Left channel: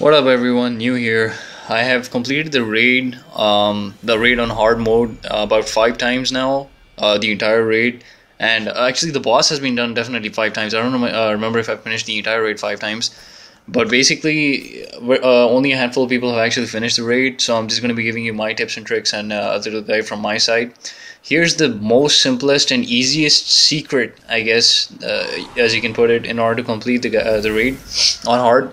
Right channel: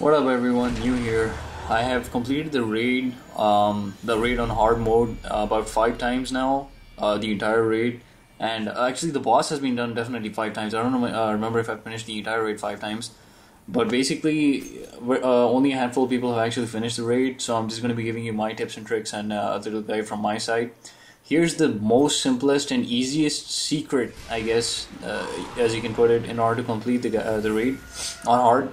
What up, everyone? New here. I have completed the raid on hard mode about 5 times now, the entire raid. And actually, the boss has been done definitely 5 times. I don't remember if I finished the entire raid 5 times. But basically, only a handful of people have actually finished the raid. So I'm just going to be giving you my tips and tricks and a little guide from my side. Here's the most simplest and easiest secret, I guess, as you can put it, in order to complete the raid on hard.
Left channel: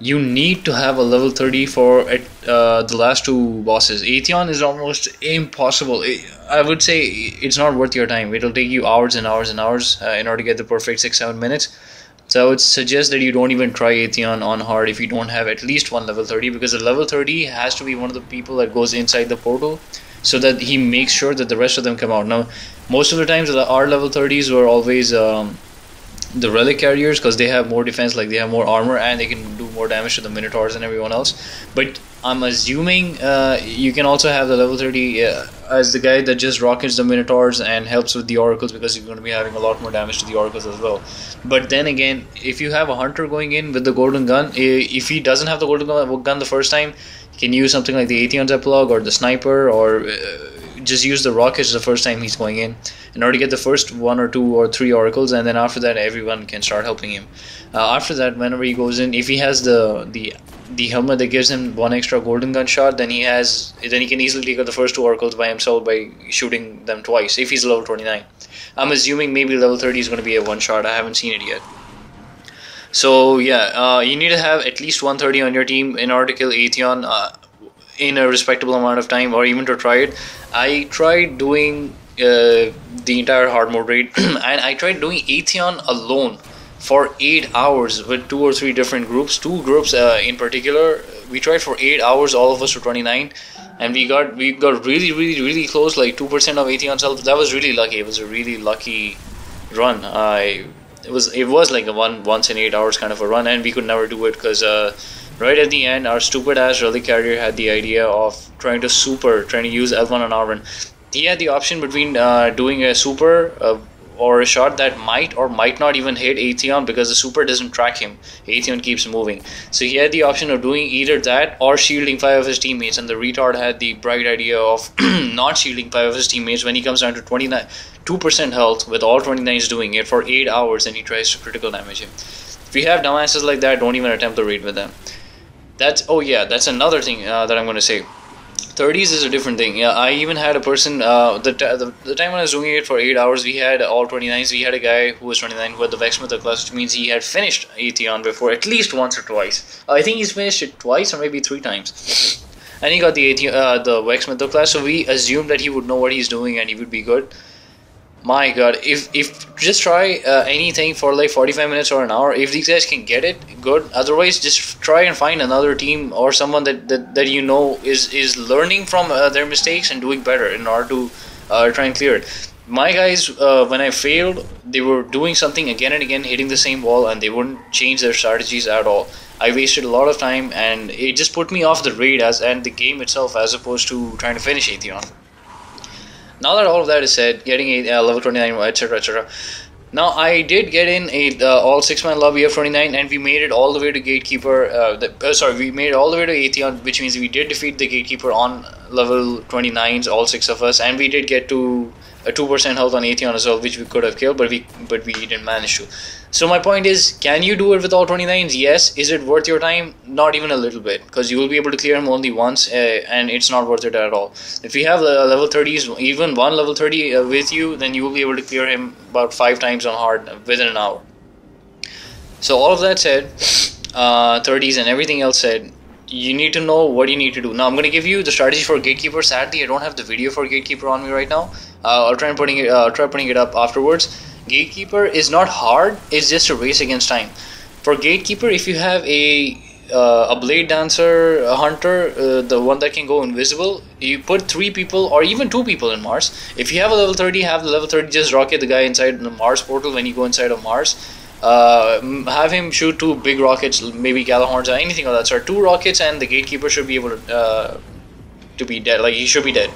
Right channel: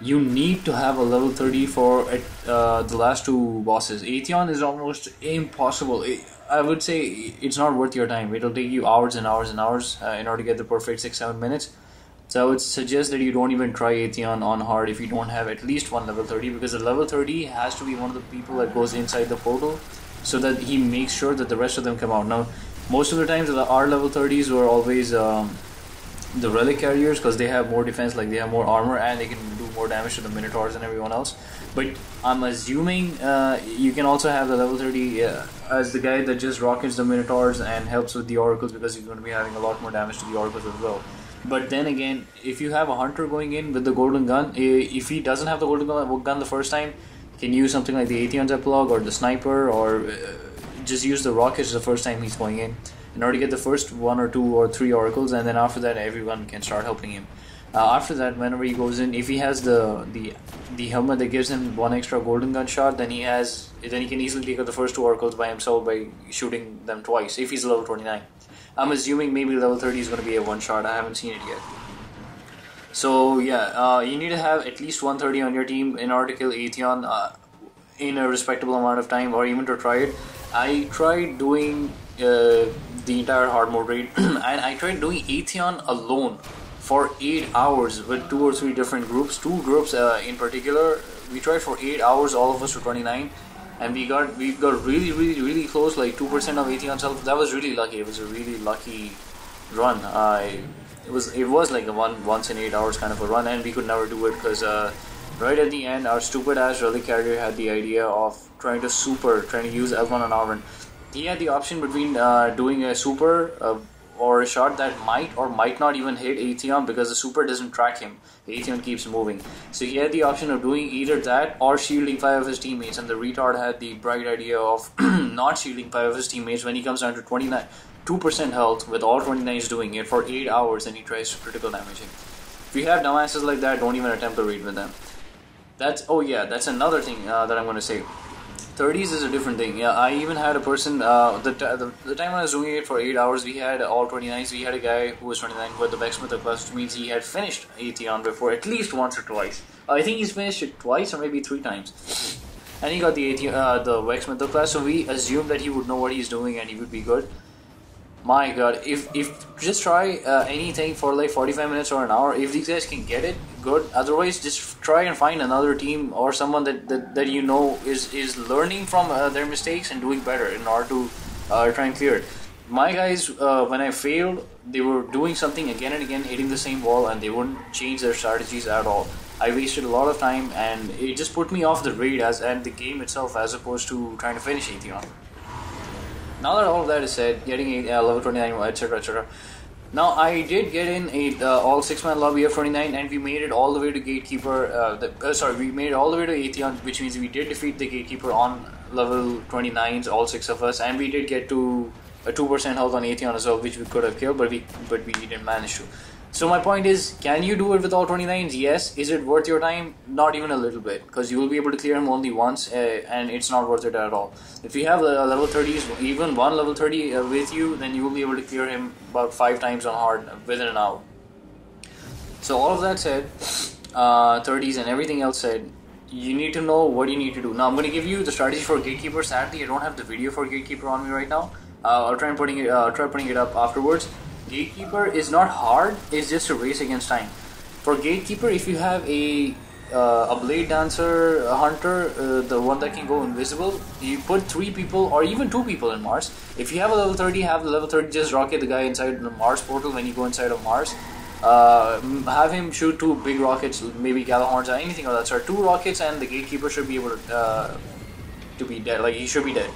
You need to have a level 30 for the last two bosses. Atheon is almost impossible. I would say it's not worth your time. It'll take you hours and hours and hours in order to get the perfect 6-7 minutes. So I would suggest that you don't even try Atheon on hard if you don't have at least one level 30, because the level 30 has to be one of the people that goes inside the portal so that he makes sure that the rest of them come out. Now, most of the times our level 30s were always the relic carriers, because they have more defense, like they have more armor and they can do more damage to the minotaurs and everyone else. But I'm assuming you can also have the level 30 as the guy that just rockets the minotaurs and helps with the oracles, because you're going to be having a lot more damage to the oracles as well. But then again, if you have a hunter going in with the golden gun, if he doesn't have the golden gun the first time, he can use something like the Atheon's epilogue or the sniper, or just use the rockets the first time he's going in order to get the first 1 or 2 or 3 oracles, and then after that everyone can start helping him. After that, whenever he goes in, if he has the helmet that gives him 1 extra golden gun shot, then he can easily take out the first 2 oracles by himself by shooting them twice if he's level 29. I'm assuming maybe level 30 is going to be a one shot. I haven't seen it yet. So yeah, you need to have at least 130 on your team in order to kill Atheon in a respectable amount of time, or even to try it. I tried doing the entire hard mode raid and I tried doing Atheon alone for 8 hours with 2 or 3 different groups, 2 groups in particular. We tried for 8 hours, all of us to 29, and we got really close, like 2% of Atheon's health. That was really lucky. It was a really lucky run. It was like a once in 8 hours kind of a run, and we could never do it because right at the end, our stupid ass relic carrier had the idea of trying to use L1 on R1. He had the option between doing a super or a shot that might or might not even hit Atheon, because the super doesn't track him. Atheon keeps moving. So he had the option of doing either that or shielding 5 of his teammates, and the retard had the bright idea of not shielding 5 of his teammates when he comes down to 2% health with all 29s doing it for 8 hours, and he tries to critical damage him. If you have dumbasses like that, don't even attempt to raid with them. That's another thing that I'm going to say. 30s is a different thing. Yeah, I even had a person, the time when I was doing it for 8 hours, we had all 29s. We had a guy who was 29 who had the Vexmith class, which means he had finished Atheon before at least once or twice. I think he's finished it twice or maybe 3 times. And he got the the Vexmith class, so we assumed that he would know what he's doing and he would be good. My god, if just try anything for like 45 minutes or an hour. If these guys can get it, good. Otherwise, just try and find another team or someone that you know is learning from their mistakes and doing better in order to try and clear it. My guys, when I failed, they were doing something again and again, hitting the same wall, and they wouldn't change their strategies at all. I wasted a lot of time, and it just put me off the raid and the game itself, as opposed to trying to finish Atheon. Now that all of that is said, getting a level 29, etc. Now I did get in a all 6-man lobby of 29, and we made it all the way to Gatekeeper. We made it all the way to Atheon, which means we did defeat the Gatekeeper on level 29s, all 6 of us, and we did get to a 2% health on Atheon as well, which we could have killed, but we didn't manage to. So my point is, can you do it with all 29s? Yes. Is it worth your time? Not even a little bit, because you will be able to clear him only once, and it's not worth it at all. If you have level 30s, even one level 30 with you, then you will be able to clear him about 5 times on hard within an hour. So all of that said, 30s and everything else said, you need to know what you need to do. Now I'm going to give you the strategy for Gatekeeper. Sadly, I don't have the video for Gatekeeper on me right now. I'll try putting it up afterwards. Gatekeeper is not hard, it's just a race against time. For Gatekeeper, if you have a Blade Dancer, a Hunter, the one that can go invisible, you put 3 people or even 2 people in Mars. If you have a level 30, have the level 30 just rocket the guy inside the Mars portal when you go inside of Mars. Have him shoot 2 big rockets, maybe Galahorns or anything of that sort. 2 rockets, and the Gatekeeper should be able to be dead. Like, he should be dead.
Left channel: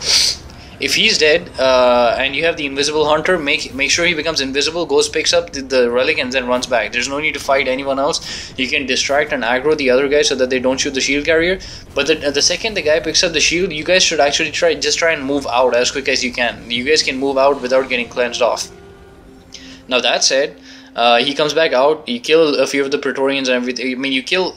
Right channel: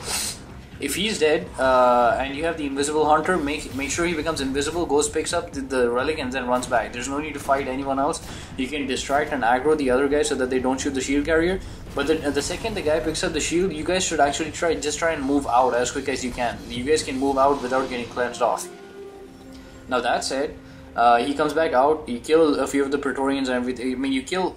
If he's dead, and you have the invisible hunter, make sure he becomes invisible, goes, picks up the relic, and then runs back. There's no need to fight anyone else. You can distract and aggro the other guy so that they don't shoot the shield carrier. But the second the guy picks up the shield, you guys should actually try and move out as quick as you can. You guys can move out without getting cleansed off. Now that said, he comes back out. You kill a few of the Praetorians and everything. I mean, you kill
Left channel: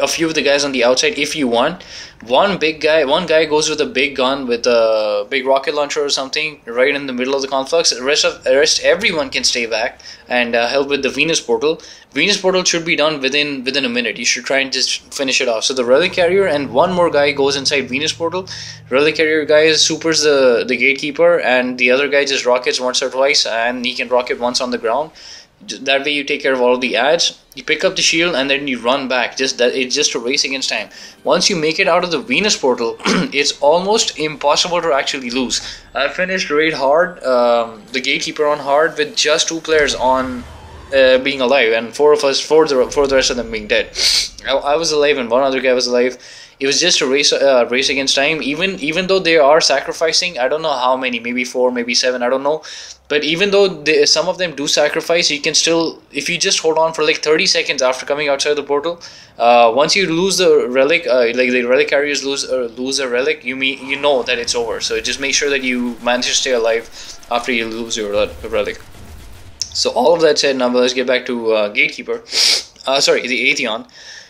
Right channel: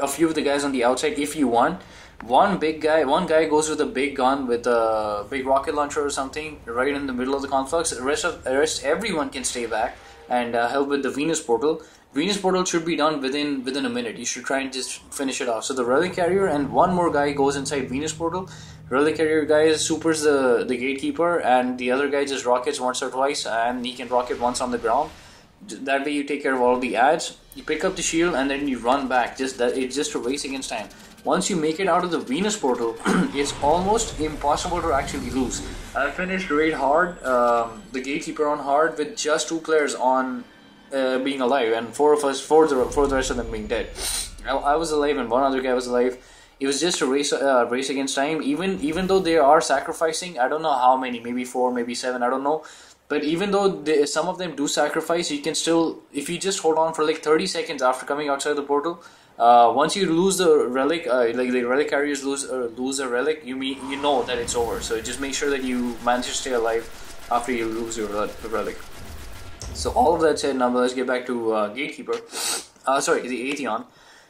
a few of the guys on the outside if you want. One guy goes with a big gun with a big rocket launcher or something right in the middle of the conflux. The rest everyone can stay back and help with the Venus portal. Venus portal should be done within a minute. You should try and just finish it off. So the relic carrier and one more guy goes inside Venus portal. Relic carrier guy supers the gatekeeper, and the other guy just rockets once or twice, and he can rocket once on the ground. That way you take care of all of the ads. You pick up the shield and then you run back. It's just a race against time. Once you make it out of the Venus portal, it's almost impossible to actually lose. I finished raid hard, the gatekeeper on hard, with just 2 players on being alive, and 4 of us, for the rest of them being dead. I was alive and one other guy was alive. It was just a race against time. Even though they are sacrificing, I don't know how many, maybe 4, maybe 7, I don't know. But even though some of them do sacrifice, you can still, if you just hold on for like 30 seconds after coming outside the portal, once you lose the relic, like the relic carriers lose a relic, you know that it's over. So just make sure that you manage to stay alive after you lose your relic. So all of that said, now let's get back to Gatekeeper. Sorry, the Atheon.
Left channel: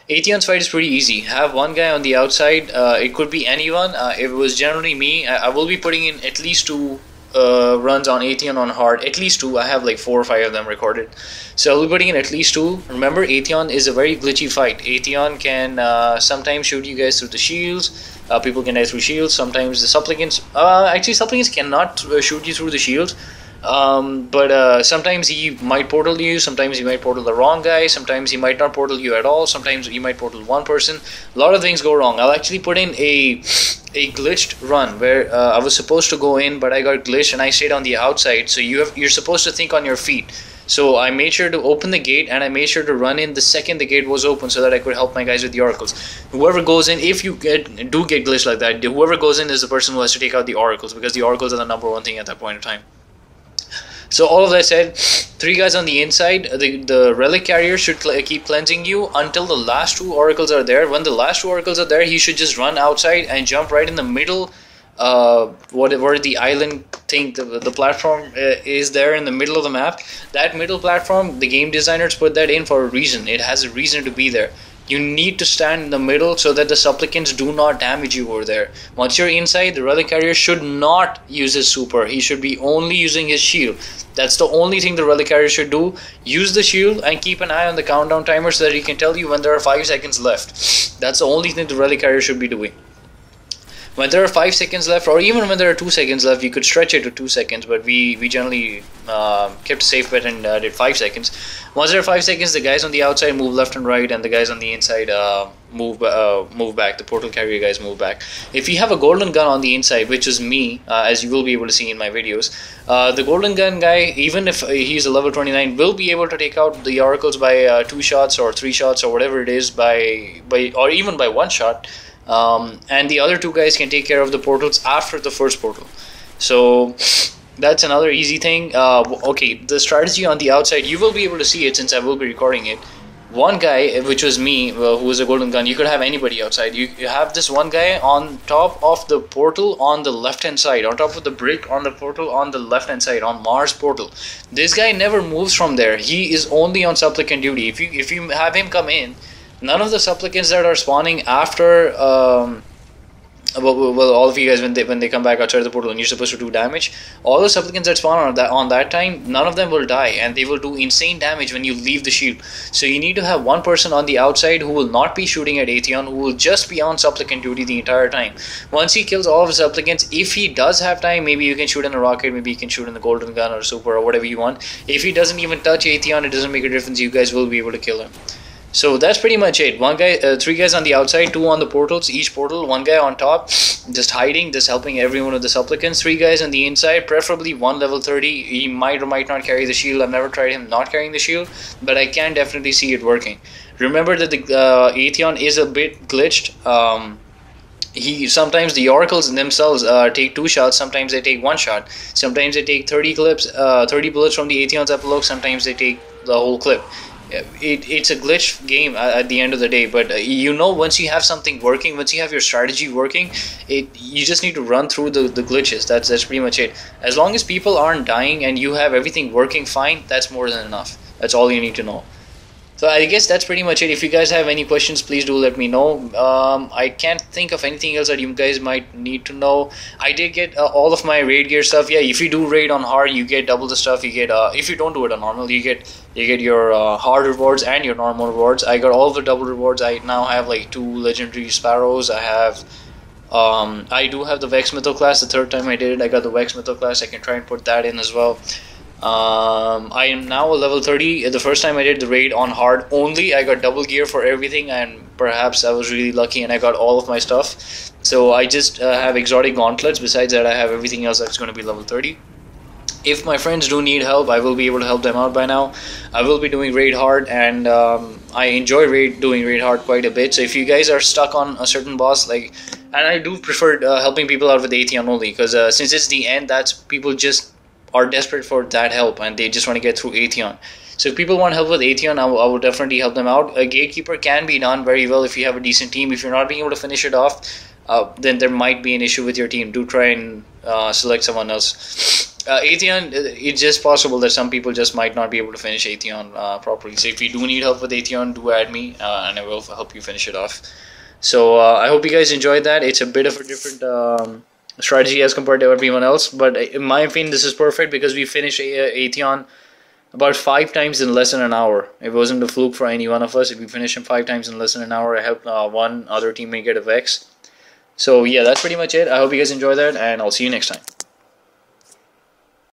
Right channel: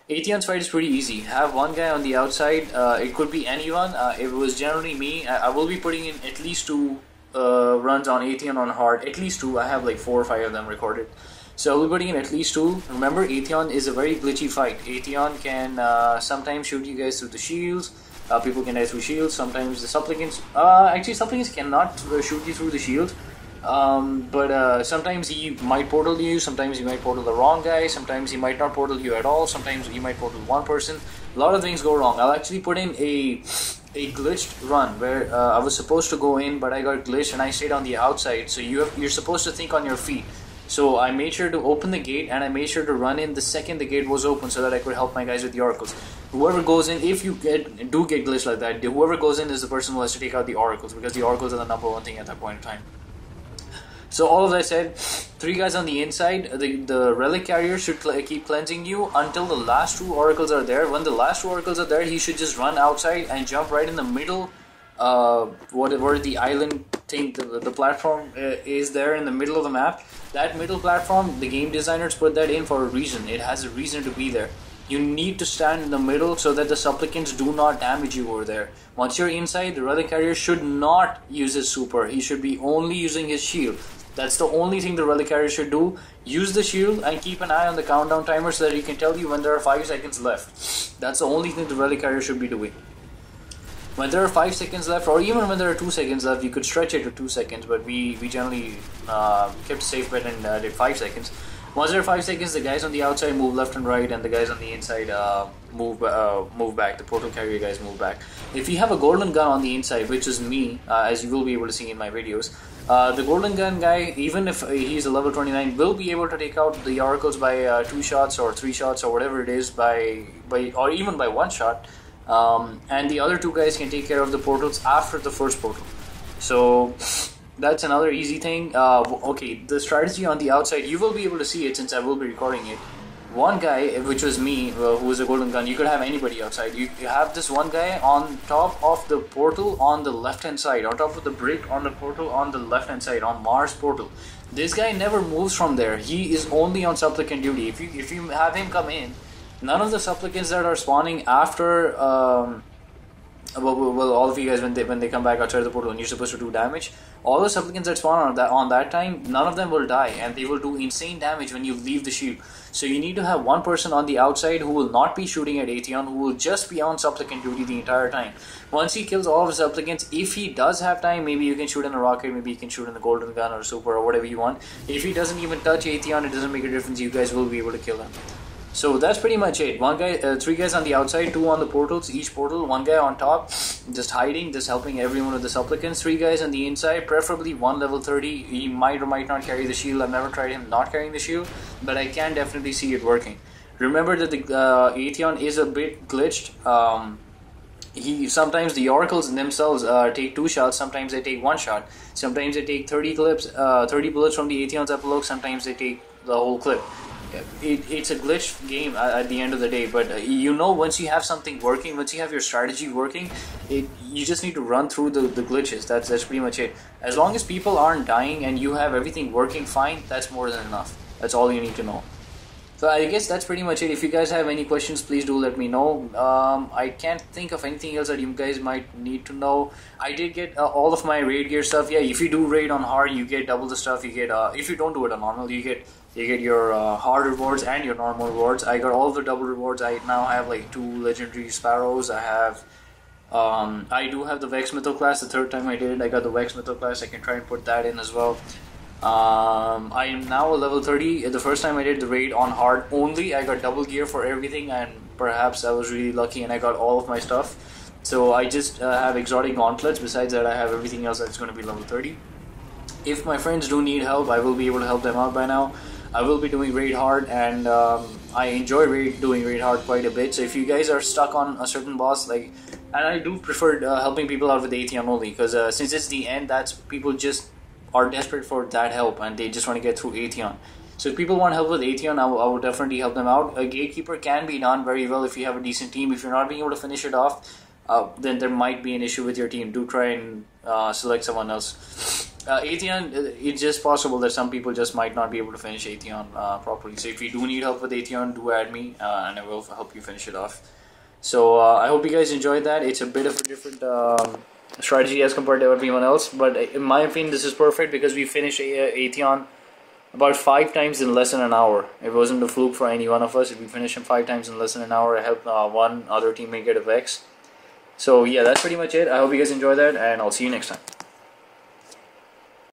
Atheon's fight is pretty easy. Have one guy on the outside. It could be anyone. If it was generally me, I will be putting in at least 2 runs on Atheon on hard. At least 2. I have like 4 or 5 of them recorded. So I'll be putting in at least 2. Remember, Atheon is a very glitchy fight. Atheon can sometimes shoot you guys through the shields. People can die through shields. Sometimes the supplicants. Actually, supplicants cannot shoot you through the shields. But sometimes he might portal you, sometimes he might portal the wrong guy, sometimes he might not portal you at all, sometimes he might portal one person. A lot of things go wrong. I'll actually put in a glitched run where I was supposed to go in, but I got glitched and I stayed on the outside. So you're supposed to think on your feet. So I made sure to open the gate, and I made sure to run in the second the gate was open so that I could help my guys with the oracles. Whoever goes in, if you do get glitched like that, whoever goes in is the person who has to take out the oracles, because the oracles are the #1 thing at that point in time. So all of that said, 3 guys on the inside. The relic carrier should keep cleansing you until the last 2 oracles are there. When the last 2 oracles are there, he should just run outside and jump right in the middle. Whatever the island thing, the platform is there in the middle of the map. That middle platform, the game designers put that in for a reason. It has a reason to be there. You need to stand in the middle so that the supplicants do not damage you over there. Once you're inside, the relic carrier should not use his super. He should be only using his shield. That's the only thing the relic carrier should do. Use the shield and keep an eye on the countdown timer so that he can tell you when there are 5 seconds left. That's the only thing the relic carrier should be doing. When there are 5 seconds left, or even when there are 2 seconds left, you could stretch it to 2 seconds, but we generally kept a safe bet and did 5 seconds. Once there are 5 seconds, the guys on the outside move left and right, and the guys on the inside move back. The portal carrier guys move back. If you have a golden gun on the inside, which is me, as you will be able to see in my videos, the golden gun guy, even if he's a level 29, will be able to take out the oracles by 2 shots or 3 shots or whatever it is, or even by 1 shot. And the other 2 guys can take care of the portals after the first portal. So that's another easy thing. Okay, the strategy on the outside, you will be able to see it since I will be recording it. One guy, which was me, who was a golden gun, you could have anybody outside. You have this one guy on top of the portal on the left hand side, on top of the brick on the portal on the left hand side, on Mars portal. This guy never moves from there. He is only on supplicant duty. If you have him come in, none of the supplicants that are spawning after well, all of you guys, when they come back outside the portal and you're supposed to do damage, all the supplicants that spawn on that time, none of them will die, and they will do insane damage when you leave the shield. So you need to have one person on the outside who will not be shooting at Atheon, who will just be on supplicant duty the entire time. Once he kills all of the supplicants, if he does have time, maybe you can shoot in a rocket, maybe you can shoot in the golden gun or super or whatever you want. If he doesn't even touch Atheon, it doesn't make a difference. You guys will be able to kill him. So that's pretty much it. 3 guys on the outside, 2 on the portals, each portal, 1 guy on top, just hiding, just helping every one of the supplicants. 3 guys on the inside, preferably 1 level 30. He might or might not carry the shield. I've never tried him not carrying the shield, but I can definitely see it working. Remember that the Atheon is a bit glitched. he sometimes the oracles themselves take two shots, sometimes they take one shot, sometimes they take 30 clips, 30 bullets from the Atheon's epilogue, sometimes they take the whole clip. It's a glitch game at the end of the day, but you know, once you have something working, once you have your strategy working, you just need to run through the glitches. That's pretty much it. As long as people aren't dying and you have everything working fine, that's more than enough. That's all you need to know. So I guess that's pretty much it. If you guys have any questions, please do let me know. I can't think of anything else that you guys might need to know. I did get all of my raid gear stuff. Yeah, if you do raid on hard, you get double the stuff. You get if you don't do it on normal, you get your hard rewards and your normal rewards. I got all of the double rewards. I now have like 2 legendary sparrows. I do have the Vex Mytho class. The third time I did it, I got the Vex Mytho class. I can try and put that in as well. I am now a level 30. The first time I did the raid on hard only, I got double gear for everything, and perhaps I was really lucky and I got all of my stuff. So I just have exotic gauntlets. Besides that, I have everything else that's going to be level 30. If my friends do need help, I will be able to help them out by now. I will be doing raid hard, and I enjoy doing raid hard quite a bit. So if you guys are stuck on a certain boss, and I do prefer helping people out with Atheon only, because since it's the end, that's people just are desperate for that help and they just want to get through Atheon. So if people want help with Atheon, I will definitely help them out. A gatekeeper can be done very well if you have a decent team. If you're not being able to finish it off, then there might be an issue with your team. Do try and select someone else. Atheon, it's just possible that some people just might not be able to finish Atheon properly. So if you do need help with Atheon, do add me and I will help you finish it off. So I hope you guys enjoyed that. It's a bit of a different strategy as compared to everyone else, but in my opinion this is perfect because we finished Atheon about 5 times in less than an hour. It wasn't a fluke for any one of us. If we finish him 5 times in less than an hour, I helped one other teammate get a Vex. So yeah, that's pretty much it. I hope you guys enjoy that, and I'll see you next time.